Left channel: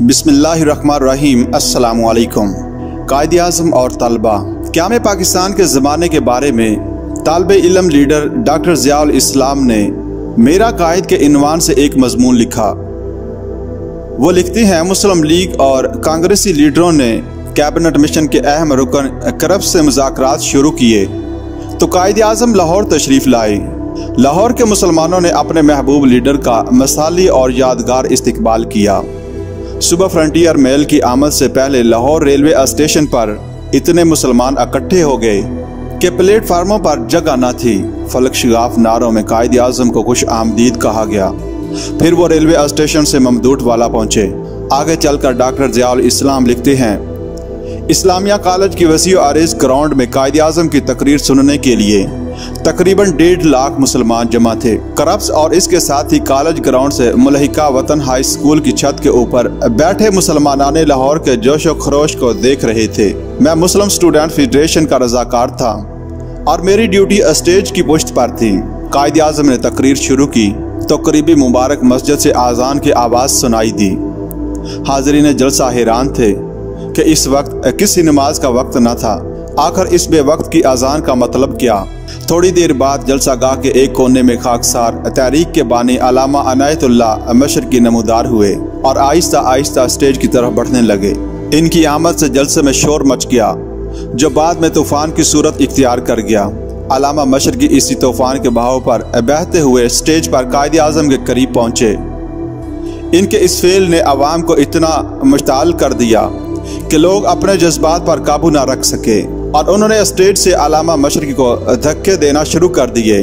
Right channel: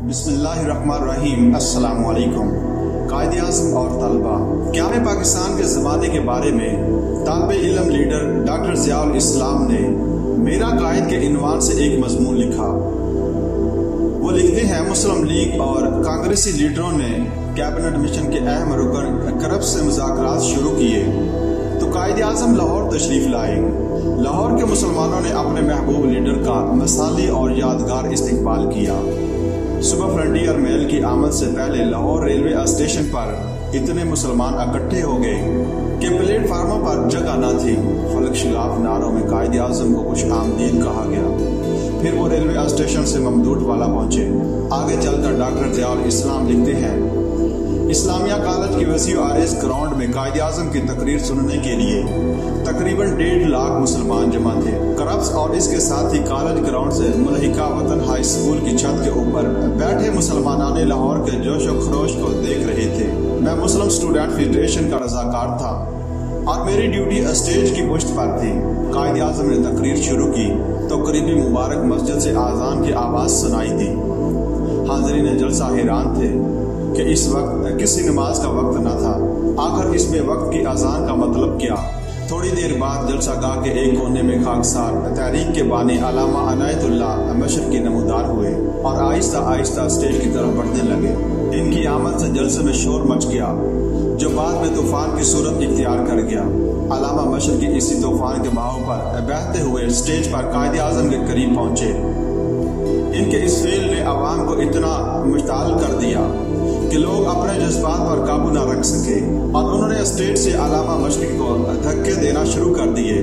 बिस्मिल्लाहिर्रहमानिर्रहीम। अस्सलामु अलैकुम। कायद आज़म और तलबा। क़याम पाकिस्तान के ज़माने के बारे में तालिब इल्म लीडर डॉक्टर ज़ियाउल इस्लाम ने मेरा कायद के इन्वान से एक मजमून लिखा। वो लिखते हैं, मुस्लिम लीग और कांग्रेसी लीडरों ने कैबिनेट मिशन के अहम रुकन करप्ट से मुज़ाकरात शुरू किए तो कायद आज़म लाहौर तशरीफ़ लाए। लाहौर के मुसलमानों ने अपने महबूब लीडर का मसाली और यादगार इस्तकबाल किया। सुबह फ्रंटियर मेल की आमद से पहले लाहौर रेलवे स्टेशन पर इतने मुसलमान इकट्ठे हो गए कि प्लेटफार्मों पर जगह न थी। फलक शगाफ नारों में कायद आज़म को खुश आमदीद कहा गया। फिर वो रेलवे स्टेशन से ममदूट वाला पहुंचे। आगे चलकर डॉक्टर ज़ियाउल इस्लाम लिखते हैं, इस्लामिया कॉलेज की वसी आरेज ग्राउंड में कायद आज़म की तकरीर सुनने के लिए तकरीबन 1.5 लाख मुसलमान जमा थे। करप्स और इसके साथ ही कॉलेज ग्राउंड से मुल्हिका वतन हाई स्कूल की छत के ऊपर बैठे मुसलमानान लाहौर के जोशो खरोश को देख रहे थे। मैं मुस्लिम स्टूडेंट फेडरेशन का रजाकार था और मेरी ड्यूटी स्टेज की पुश्त पर थी। कायद आज़म ने तकरीर शुरू की तो करीबी मुबारक मस्जिद से आज़ान की आवाज़ सुनाई दी। हाज़रीन जलसा हैरान थे कि इस वक्त किसी नमाज का वक्त न था। आखिर इस बेवक्त की आज़ान का मतलब क्या? थोड़ी देर बाद जलसा गाह के एक कोने में खाकसार तहरीक के बानी अलामा अनायतुल्लाह मशरकी नमूदार हुए और आहिस्ता आहिस्ता स्टेज की तरफ बढ़ने लगे। इनकी आमद से जलसे में शोर मच गया जो बाद में तूफान की सूरत इख्तियार कर गया। अलामा मशरकी इसी तूफान के बहाव पर बहते हुए स्टेज पर कायद आज़म के करीब पहुंचे। इनके इस फेल ने अवाम को इतना मुश्ताल कर दिया कि लोग अपने जज्बात पर काबू ना रख सके और उन्होंने स्टेज से अलामा मशरकी को धक्के देना शुरू कर दिए।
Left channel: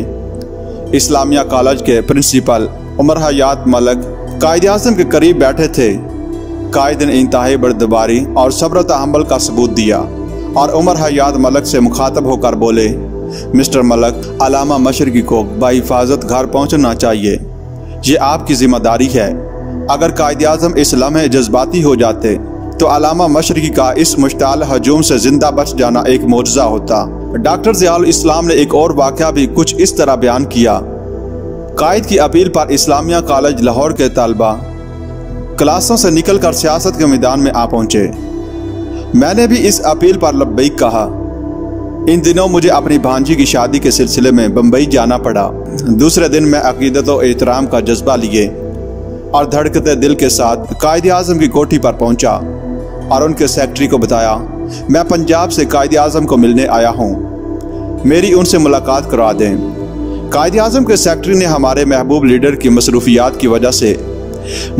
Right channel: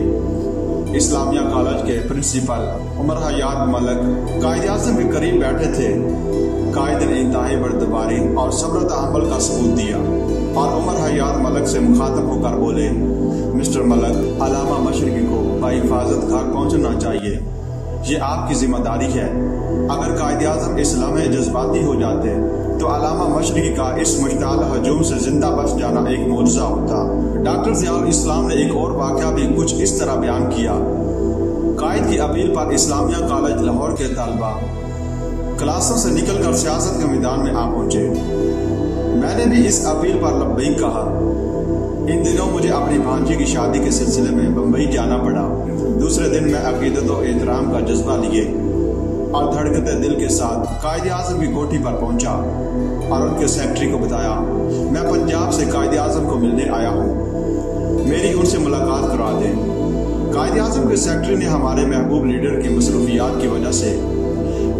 इस्लामिया कॉलेज के प्रिंसिपल उमर हयात मलक कायद आज़म के करीब बैठे थे। कायद ने इंतहाई बर्दबारी और सब्र तहम्मुल का सबूत दिया और उमर हयात मलक से मुखातब होकर बोले, मिस्टर मलक, अलामा मशरकी को बाहिफाजत घर पहुंचना चाहिए। ये आपकी जिम्मेदारी है। अगर कायद आज़म इस लम्हे जज्बाती हो जाते तो अलामा मशरकी का इस मुश्ताल हजूम से जिंदा बच जाना एक मोजज़ा होता। डॉक्टर ज़ियाउल इस्लाम ने एक और वाक़या भी कुछ इस तरह बयान किया। कायद की अपील पर इस्लामिया कॉलेज लाहौर के तलबा क्लासों से निकलकर सियासत के मैदान में आ पहुंचे। मैंने भी इस अपील पर लब्बैक कहा। इन दिनों मुझे अपनी भांजी की शादी के सिलसिले में बम्बई जाना पड़ा। दूसरे दिन मैं अकीदत और एहतराम का जज्बा लिए और धड़कते दिल के साथ कायद आज़म की कोठी पर पहुंचा और उनके सेक्रेटरी को बताया, मैं पंजाब से कायद आज़म को मिलने आया हूं, मेरी उनसे मुलाकात करा दें। कायद आज़म के सेक्रेटरी ने हमारे महबूब लीडर की मसरूफियात की वजह से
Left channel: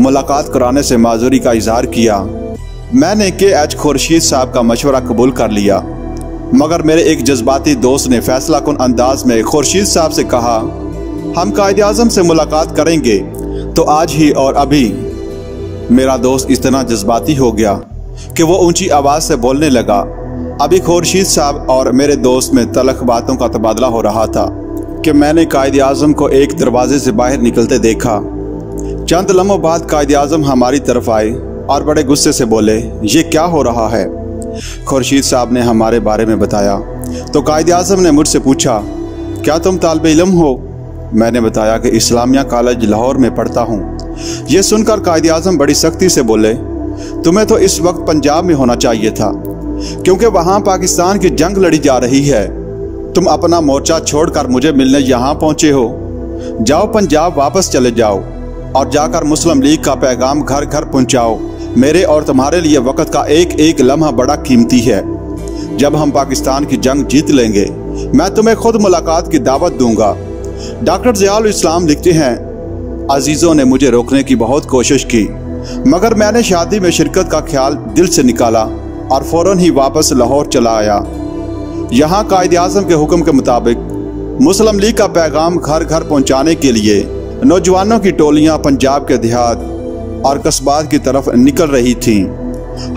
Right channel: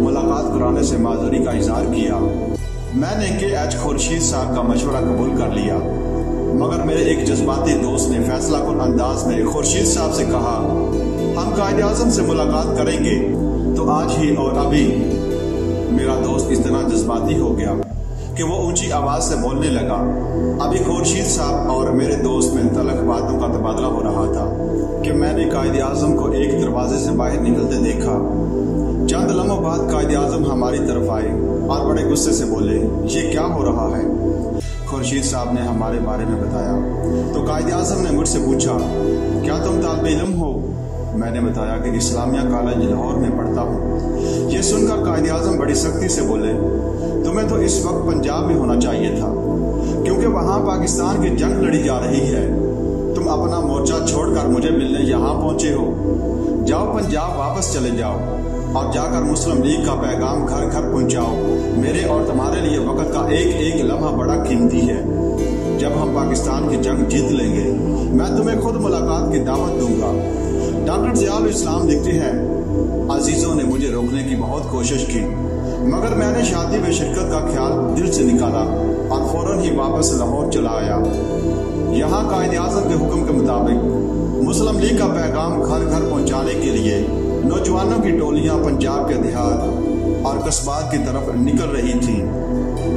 मुलाकात कराने से माजूरी का इजहार किया। मैंने KH खुर्शीद साहब का मशवरा कबूल कर लिया, मगर मेरे एक जज्बाती दोस्त ने फैसला कुन अंदाज में खुर्शीद साहब से कहा, हम कायद आज़म से मुलाकात करेंगे तो आज ही और अभी। मेरा दोस्त इतना जज्बाती हो गया कि वो ऊंची आवाज़ से बोलने लगा। अभी खुर्शीद साहब और मेरे दोस्त में तलख बातों का तबादला हो रहा था कि मैंने कायद आज़म को एक दरवाजे से बाहर निकलते देखा। चंद लम्हों बाद कायद आज़म हमारी तरफ आए और बड़े गुस्से से बोले, ये क्या हो रहा है? खुर्शीद साहब ने हमारे बारे में बताया तो कायद आज़म ने मुझसे पूछा, क्या तुम तालिब इल्म हो? मैंने बताया कि इस्लामिया कॉलेज लाहौर में पढ़ता हूँ। ये सुनकर कायद आज़म बड़ी सख्ती से बोले, तुम्हें तो इस वक्त पंजाब में होना चाहिए था क्योंकि वहाँ पाकिस्तान की जंग लड़ी जा रही है। तुम अपना मोर्चा छोड़कर मुझे मिलने यहाँ पहुँचे हो। जाओ पंजाब वापस चले जाओ और जाकर मुस्लिम लीग का पैगाम घर घर पहुँचाओ। मेरे और तुम्हारे लिए वक्त का एक एक लम्हा बड़ा कीमती है। जब हम पाकिस्तान की जंग जीत लेंगे मैं तुम्हें खुद मुलाकात की दावत दूंगा। डॉक्टर ज़ियाउल इस्लाम लिखते हैं, अजीज़ों ने मुझे रोकने की बहुत कोशिश की मगर मैंने शादी में शिरकत का ख्याल दिल से निकाला और फ़ौरन ही वापस लाहौर चला आया। यहाँ कायद आज़म के हुक्म के मुताबिक मुस्लिम लीग का पैगाम घर घर पहुँचाने के लिए नौजवानों की टोलियाँ पंजाब के देहात और कस्बात की तरफ निकल रही थीं।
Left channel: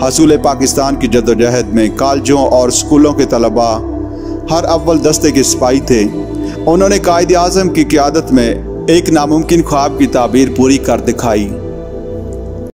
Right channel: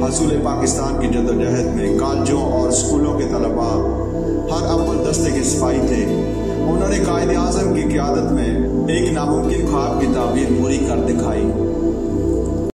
हसूल पाकिस्तान की जद्दोजहद में कॉलेजों और स्कूलों के तलबा हर अव्वल दस्ते के सिपाही थे। उन्होंने कायद आज़म की क़यादत में एक नामुमकिन ख्वाब की ताबीर पूरी कर दिखाई।